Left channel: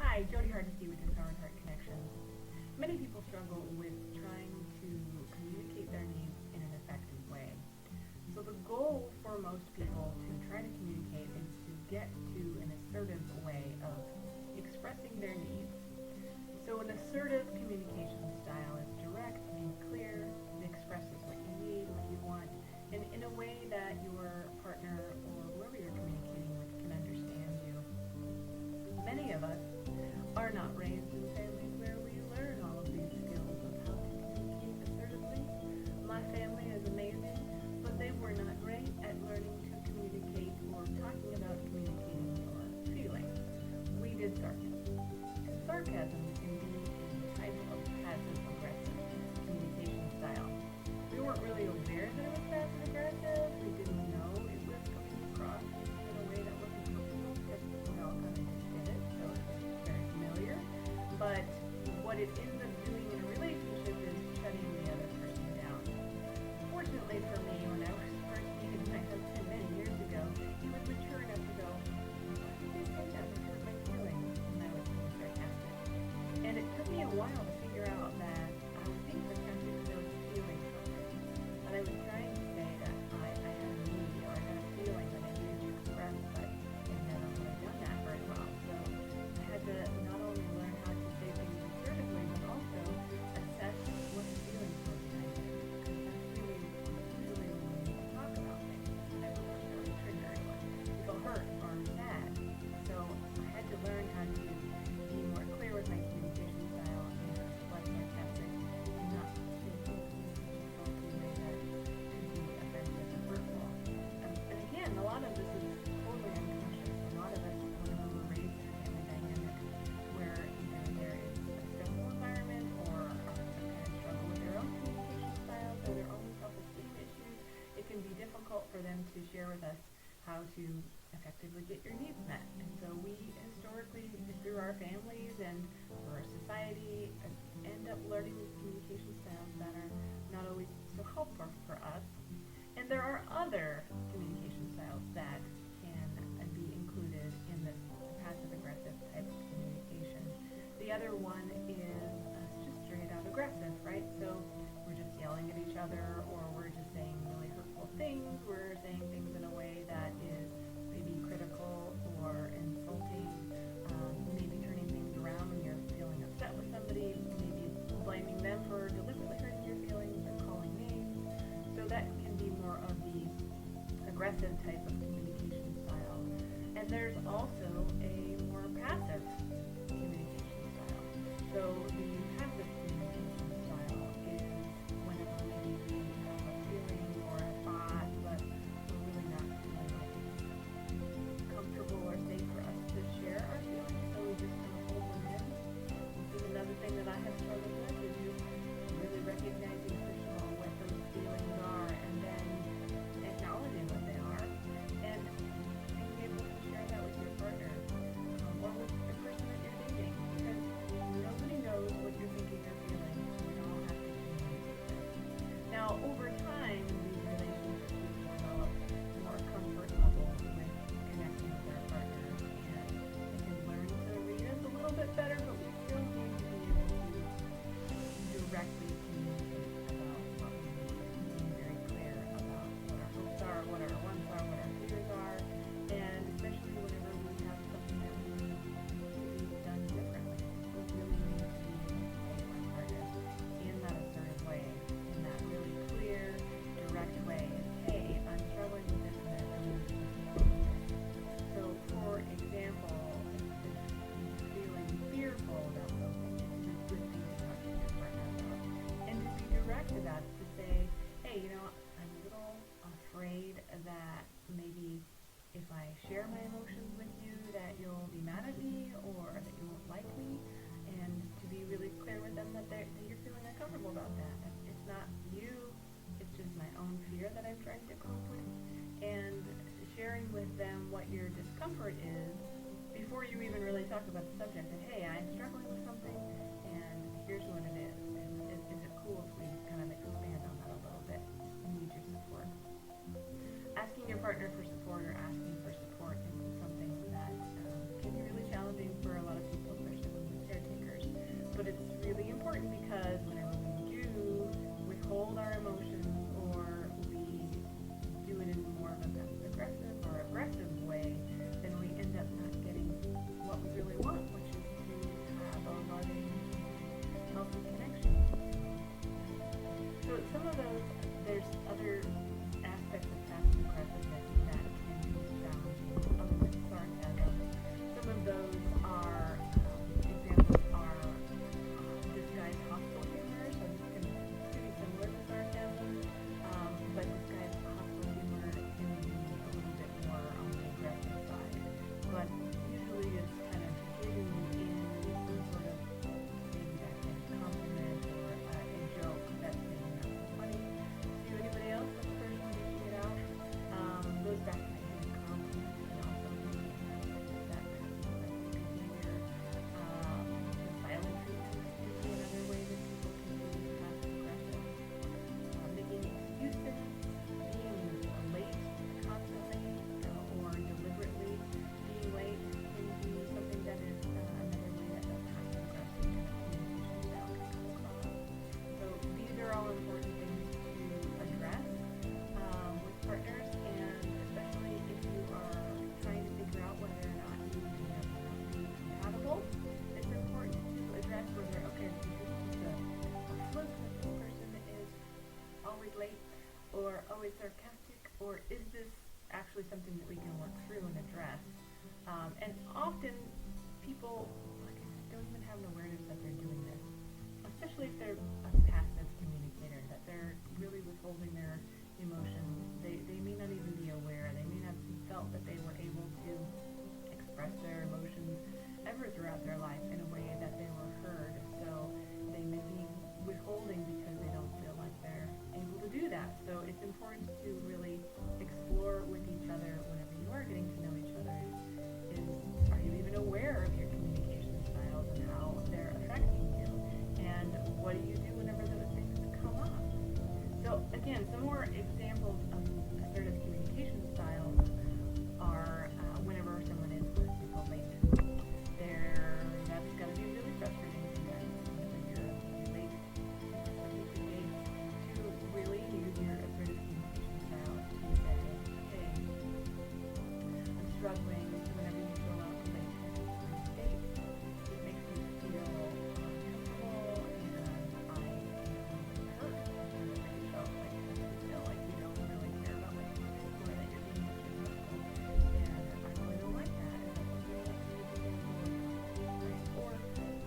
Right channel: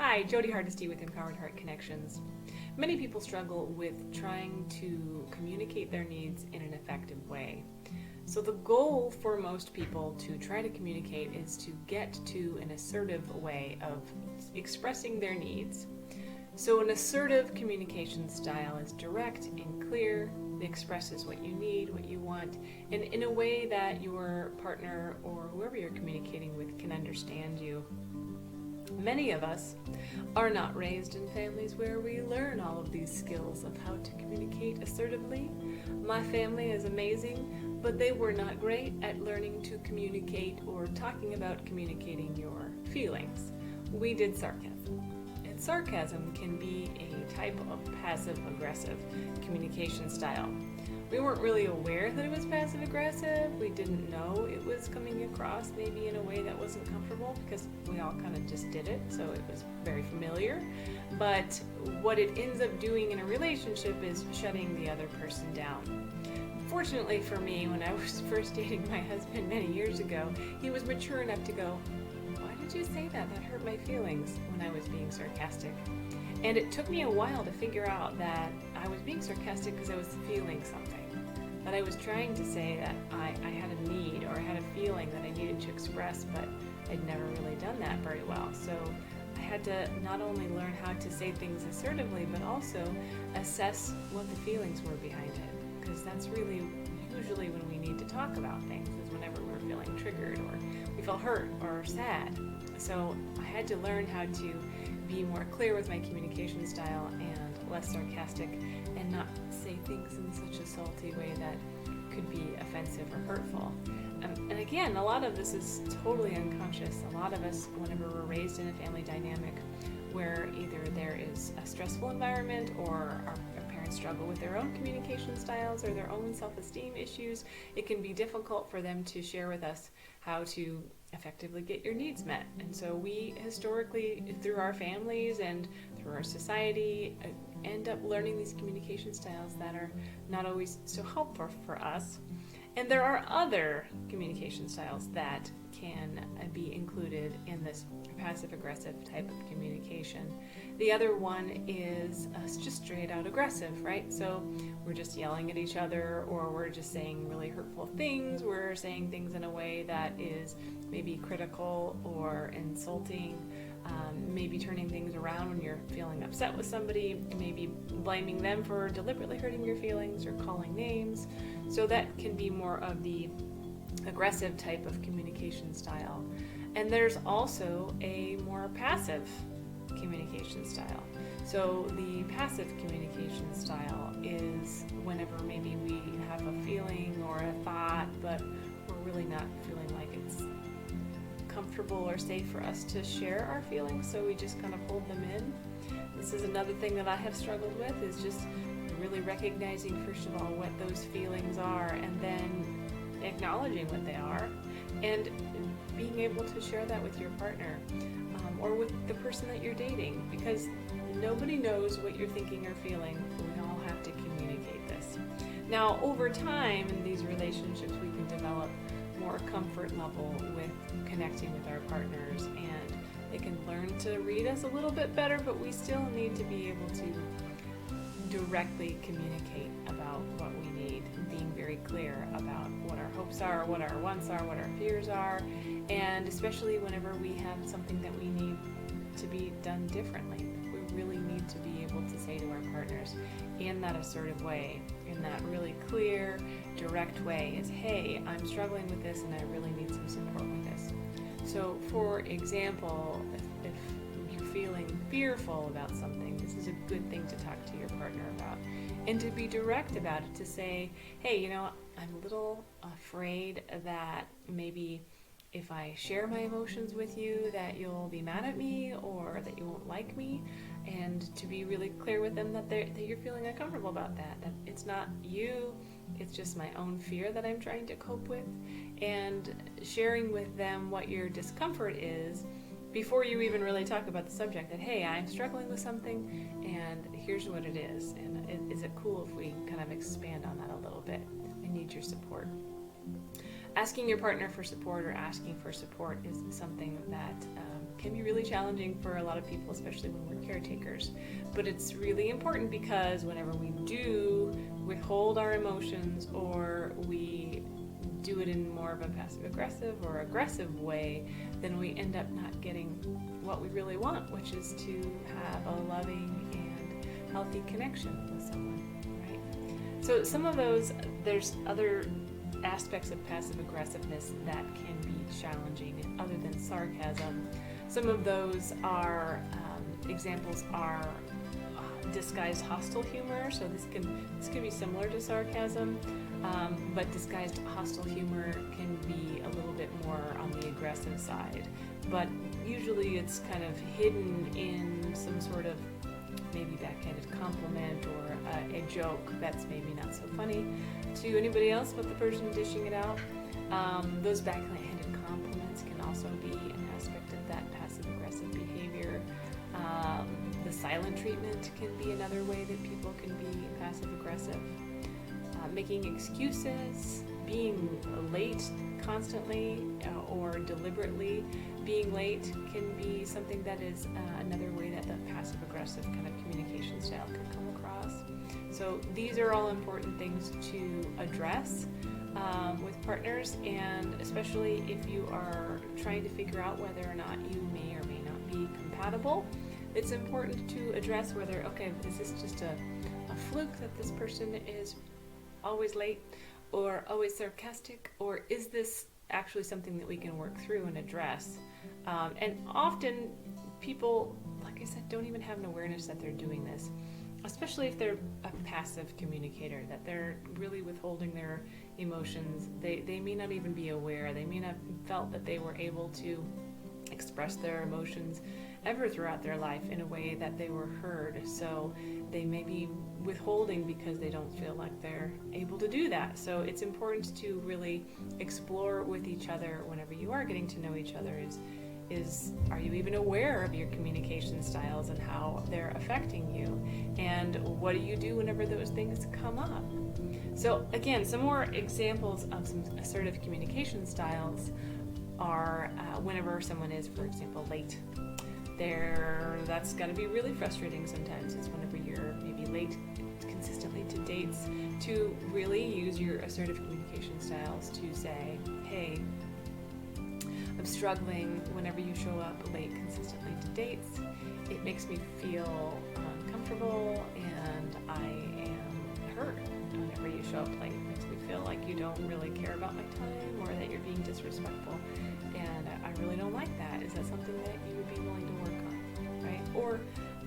Hi, Jody Hardesty with Empowered Heart Connections. Many people struggle with trying to communicate their needs in an effective way. So the goal for most people to try to communicate is to get to an assertive way of expressing their needs. So an assertive communication style is direct and clear. It expresses what you need, what you want, and in a way that your partner or whoever you're communicating with can understand you. Many of us are not raised in families where we learn all of these skills of how to communicate assertively. My family is amazing, but they were not great at learning to communicate or talking about communicating your feelings. We did sarcasm. And sarcasm can be a type of passive-aggressive communication style. We weren't really aware that it was passive-aggressive. We didn't know it was coming across maybe in a way that wasn't comfortable because we all kind of just did it, so it was very familiar. But what it ends up doing in a relationship is shutting the other person down. Fortunately for me, when I was first dating my husband many years ago, he was mature enough to go, "Why did you say that? That hurt my feelings," when I was being sarcastic. And it took me a while to figure out that I was being sarcastic because I was feeling something. That I was trying to say that I had a need or I had a feeling that I needed to express, but I'd never really done that very well. So I had to not only learn how to say things assertively, but also assess what the feelings were behind it. Because that's really usually when we need to talk about things, is whenever we're feeling triggered or we feel hurt or sad. So I had to learn how to be more clear with my communication style and less sarcastic and not say things in such a salty way that could be offensive or hurtful. And again, a lot of this is totally unconscious. A lot of us, whenever we're raised in a family dynamic where either there is a stressful environment or our parents struggle with their own communication styles or their own self-esteem issues, it can be difficult for them to share with us how to effectively get your needs met. And so we historically, through our families and through our society, end up learning these communication styles that are not always so helpful for us. And there are other communication styles that can be included in this passive-aggressive type of communication. The other one is just straight out aggressive, right? So we're just yelling at each other, or we're just saying really hurtful things. We're saying things in a way that is maybe critical or insulting, maybe turning things around when you're feeling upset with somebody, maybe blaming them for deliberately hurting your feelings or calling names. So that can be more of the aggressive type of communication style. And there's also a more passive communication style. So the passive communication style is whenever maybe we have a feeling or a thought, but we're really not feeling like it's comfortable or safe for us to share our feelings, so we just kind of hold them in. This is another thing that I have struggled with, is just really recognizing, first of all, what those feelings are, and then acknowledging what they are, and being able to share that with your partner or with the person that you're dating, because nobody knows what you're thinking or feeling. We all have to communicate this. Now, over time in these relationships, we can develop more comfort level with connecting with our partners, and they can learn to read us a little bit better, but we still need to be able to directly communicate about what we need, being very clear about what our hopes are, what our wants are, what our fears are, and especially whenever we have something that we need to be done differently. We really need to be able to say to our partners in that assertive way, in that really clear, direct way, is, hey, I'm struggling with this and I really need some support with this. So for example, if you're feeling fearful about something, this is a good thing to talk to your partner about, and to be direct about it, to say, hey, I'm a little afraid that maybe if I share my emotions with you that you'll be mad at me or that you won't like me, and to be really clear with them that you're feeling uncomfortable about that it's not you, it's just my own fear that I'm trying to cope with, and sharing with them what your discomfort is before you even really talk about the subject, that, hey, I'm struggling with something and here's what it is, and is it cool if we kind of expand on that a little bit? I need your support. Asking your partner for support or asking for support is something that can be really really challenging for a lot of people, especially when we're caretakers. But it's really important because whenever we do withhold our emotions, or we do it in more of a passive-aggressive or aggressive way, then we end up not getting what we really want, which is to have a loving and healthy connection with someone, right? So some of those, there's other aspects of passive-aggressiveness that can be challenging other than sarcasm. Some of those are, examples are disguised hostile humor. So this can be similar to sarcasm, but disguised hostile humor can be a little bit more on the aggressive side. But usually it's kind of hidden in some sort of maybe backhanded compliment or a joke that's maybe not so funny to anybody else but the person dishing it out. Those backhanded compliments can also be an aspect of that passive-aggressive behavior. The silent treatment can be another way that people can be passive-aggressive. Making excuses, being late constantly or deliberately being late can be something that is another way that the passive-aggressive kind of communication style can come across. So these are all important things to address with partners, and especially if you are trying to figure out whether or not you may or may not be compatible. It's important to address whether, okay, is this just a fluke that this person is always late or always sarcastic, or is this actually something that we can work through and address? And often people, like I said, don't even have an awareness that they're doing this, especially if they're a passive communicator, that they're really withholding their emotions. They may not even be aware. They may not have felt that they were able to express their emotions ever throughout their life in a way that they were heard. So they may be withholding because they don't feel like they're able to do that. So it's important to really explore with each other whenever you are getting to know each other is are you even aware of your communication styles and how they're affecting you? And what do you do whenever those things come up? So again, some more examples of some assertive communication styles are whenever someone is, for example, late. That's got to be really frustrating sometimes. It's whenever you're maybe late consistently to dates, to really use your assertive communication styles to say, hey, I'm struggling whenever you show up late consistently to dates. It makes me feel uncomfortable, and I am hurt whenever you show up late. It makes me feel like you don't really care about my time, or that you're being disrespectful, and I really don't like that. Is that something that you would be willing to work on, right? Or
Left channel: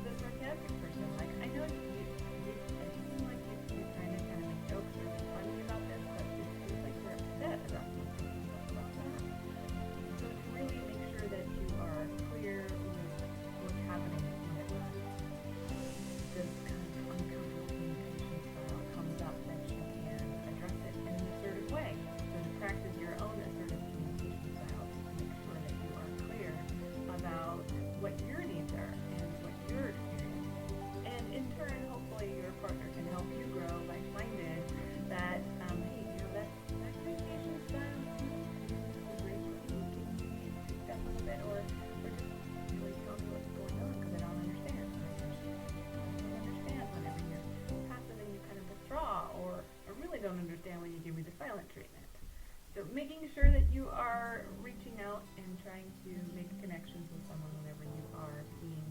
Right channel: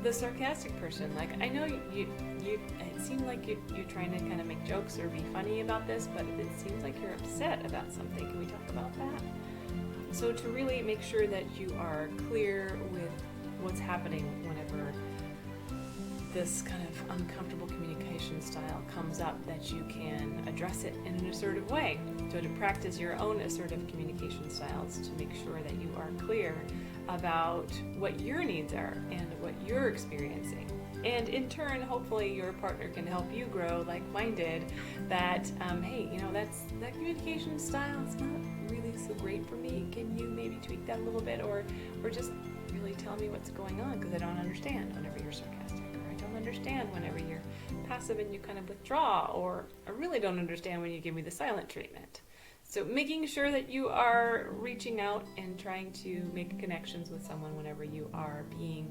the sarcastic person, like, I know you it seemed like you're trying to kind of make jokes or be funny about this, but it seems like you're upset about something. Can we talk about that? So to really make sure that you are clear with what's happening whenever this kind of uncomfortable communication style comes up, that you can address it in an assertive way. So to practice your own assertive communication styles, to make sure that you are clear about what your needs are and what you're experiencing. And in turn, hopefully your partner can help you grow like-minded, that, hey, that communication style is not really so great for me. Can you maybe tweak that a little bit, or just really tell me what's going on, because I don't understand whenever you're sarcastic, or I don't understand whenever you're passive and you kind of withdraw, or I really don't understand when you give me the silent treatment. So making sure that you are reaching out and trying to make connections with someone whenever you are being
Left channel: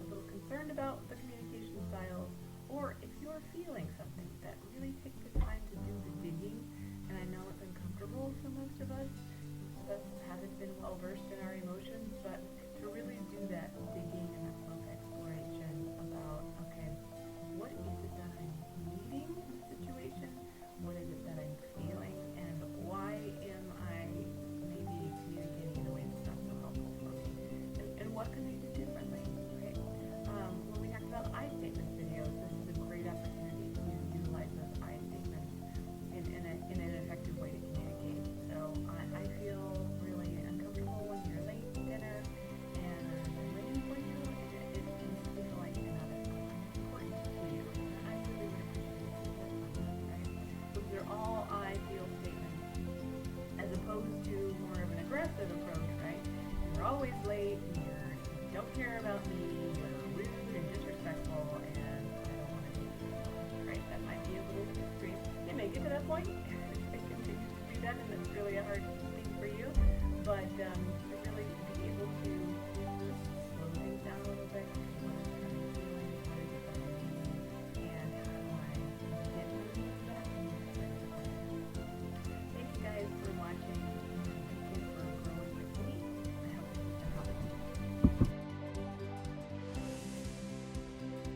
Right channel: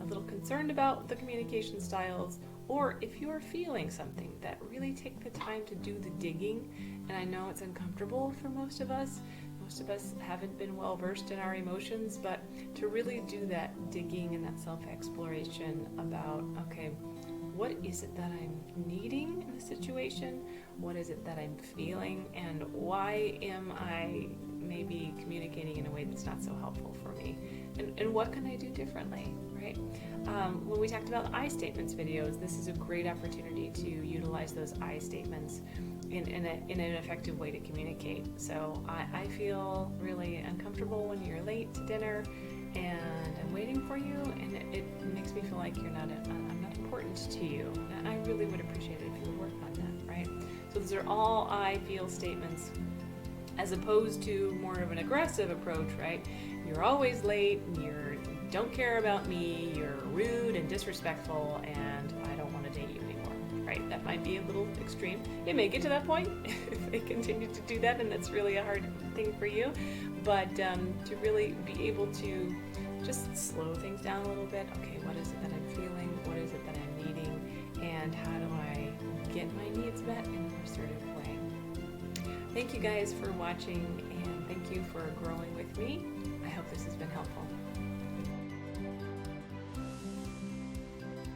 a little concerned about the communication styles, or if you are feeling something, that really take the time to do the digging. And I know it's uncomfortable for most of us. Most of us haven't been well versed in our emotions, but to really do that digging and that self-exploration about, okay, what is it that I'm needing in the situation? What is it that I'm feeling? And why am I maybe communicating in a way that's not so helpful for me? And what can I do differently, right? When we talked about I statements videos, this is a great opportunity to utilize those I statements in an effective way to communicate. So I feel really uncomfortable when you're late to dinner and I'm waiting for you, and it makes me feel like I'm not important to you. And I really would appreciate it if you would work on that, right? So those are all I feel statements, as opposed to more of an aggressive approach, right? you're always late, you don't care about me, you're rude and disrespectful, and I don't want to date you anymore, right? That might be a little extreme. It may get to that point if they continue to do that, and that's really a hard thing for you. But to really be able to just slow things down a little bit. Okay, what is it that I'm feeling? What is it that I'm needing? And how do I get my needs met in a more assertive way? Thank you guys for watching, and